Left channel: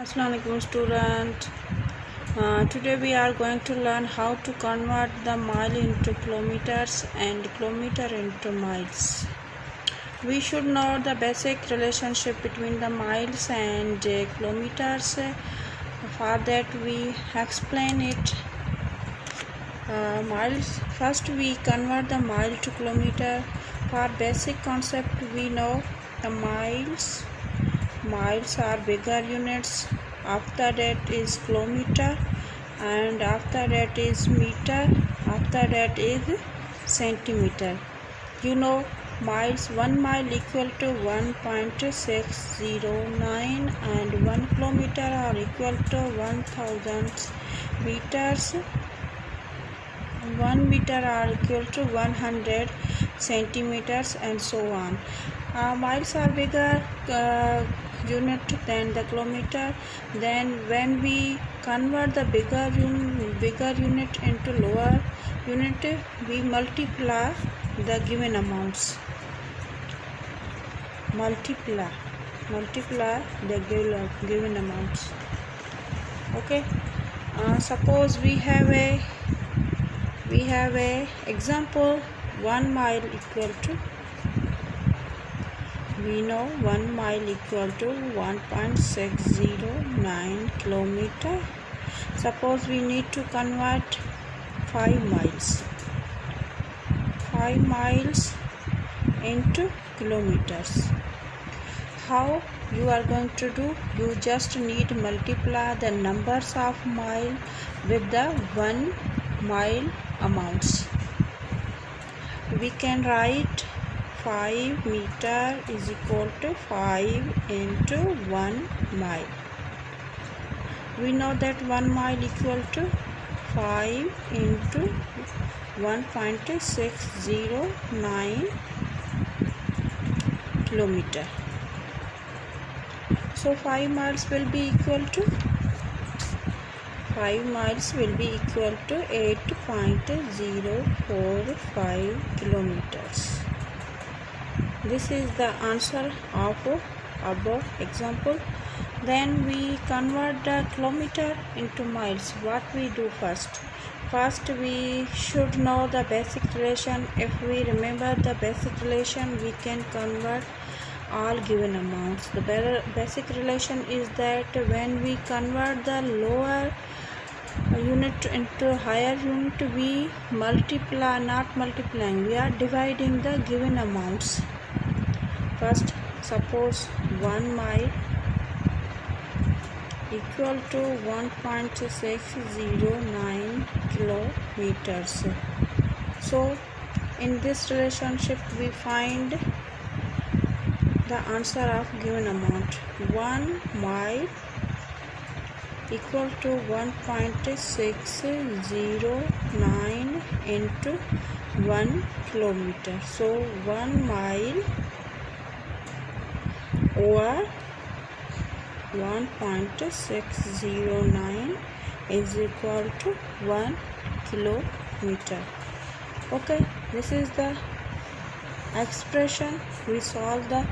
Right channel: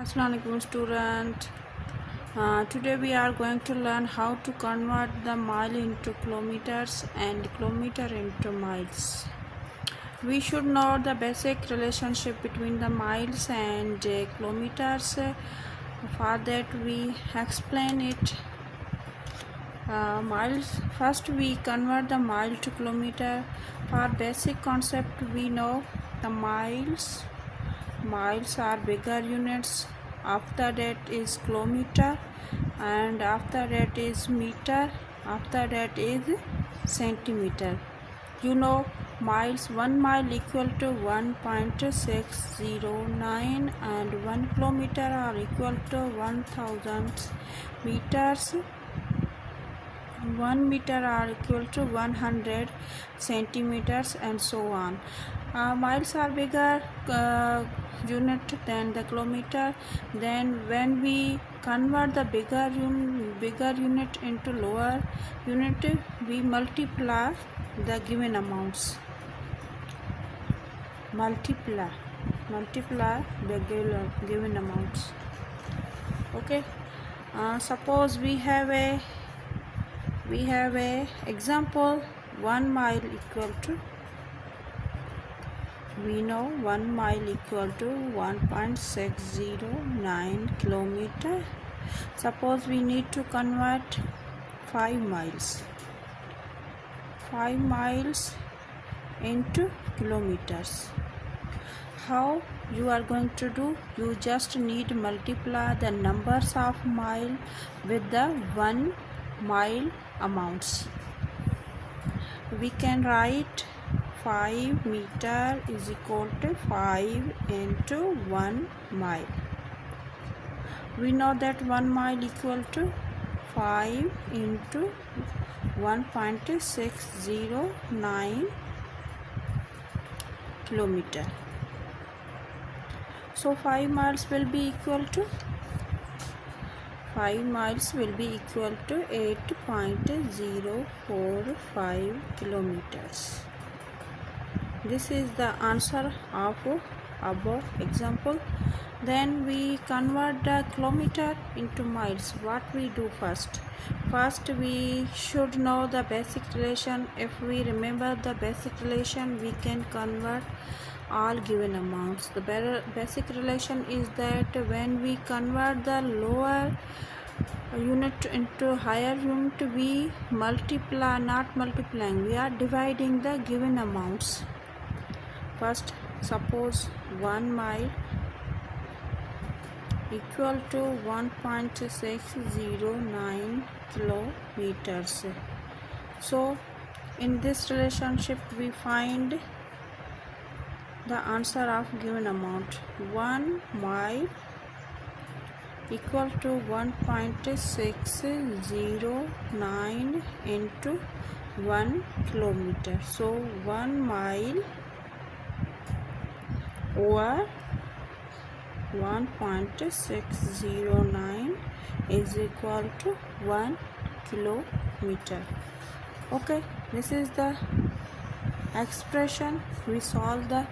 Assalamu alaikum student. Today we are going to learn how to convert the mile into kilometers and kilometer into miles. We should know the basic relationship between the miles and kilometers. For that we explain it. Miles. First we convert the mile to kilometer. For basic concept we know the miles. Miles are bigger units. After that is kilometer, and after that is meter, after that is centimeter. You know miles, 1 mile equal to 1.609 and 1 kilometer are equal to 1000 meters. 1 meter are equal to 100 centimeters and so on. Miles are bigger unit than the kilometer. Then when we convert the bigger unit into lower unit, we multiply the given amounts. Multiply the given amounts. Okay. Suppose we have a example. 1 mile equal to, we know 1 mile equal to 1.609 kilometer. Suppose we need to convert 5 miles into kilometers. How you are going to do? You just need to multiply the numbers of mile with the 1 mile amounts. We can write 5 meter is equal to 5 into 1 mile. We know that 1 mile equal to 5 into 1.609 kilometer. So 5 miles will be equal to 8.045 kilometers. This is the answer of above example. Then we convert the kilometer into miles. What we do first? First we should know the basic relation. If we remember the basic relation, we can convert all given amounts. The basic relation is that when we convert the lower unit into higher unit, we multiply, not multiplying, we are dividing the given amounts. First, suppose 1 mile equal to 1.609 kilometers. So in this relationship we find the answer of given amount. 1 mile equal to 1.609 into 1 kilometer. So 1 mile over 1.609 is equal to 1 kilometer. Okay, this is the expression. We solve the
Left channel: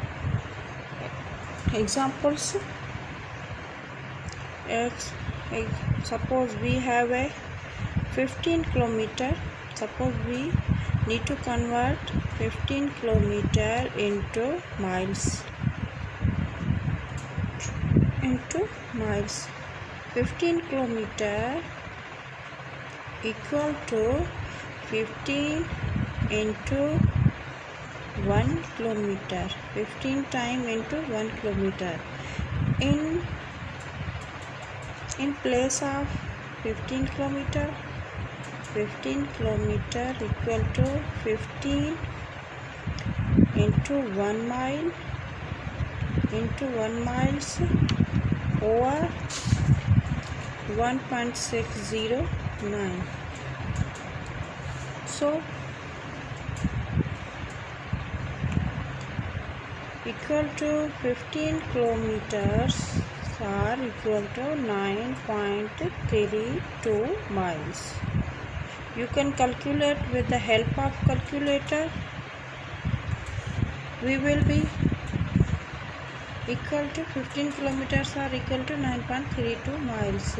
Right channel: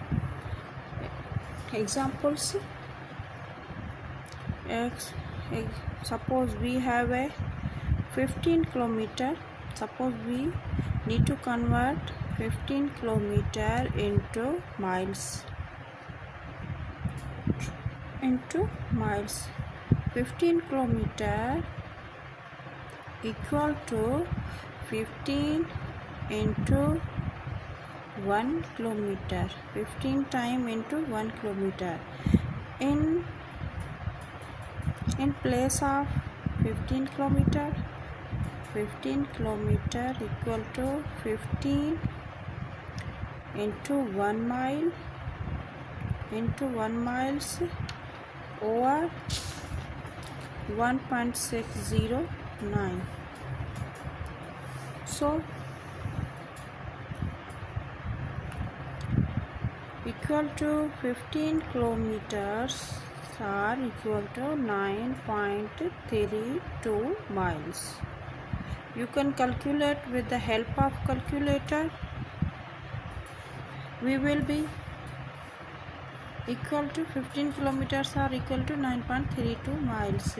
examples. Suppose we have a 15 kilometer. Suppose we need to convert 15 kilometer into miles. 15 kilometer equal to 15 into 1 kilometer. 15 time into 1 kilometer. In place of 15 kilometer equal to 15 into 1 mile into 1 miles over 1.609. So equal to 15 kilometers are equal to 9.32 miles. You can calculate with the help of calculator. We will be equal to 15 kilometers are equal to 9.32 miles.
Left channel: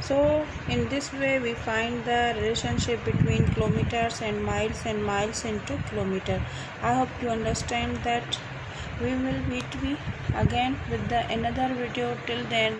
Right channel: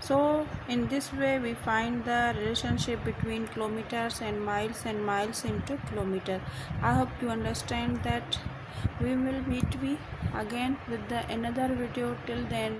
So in this way we find the relationship between kilometers and miles into kilometer. I hope you understand that. We will meet again with the another video. Till then,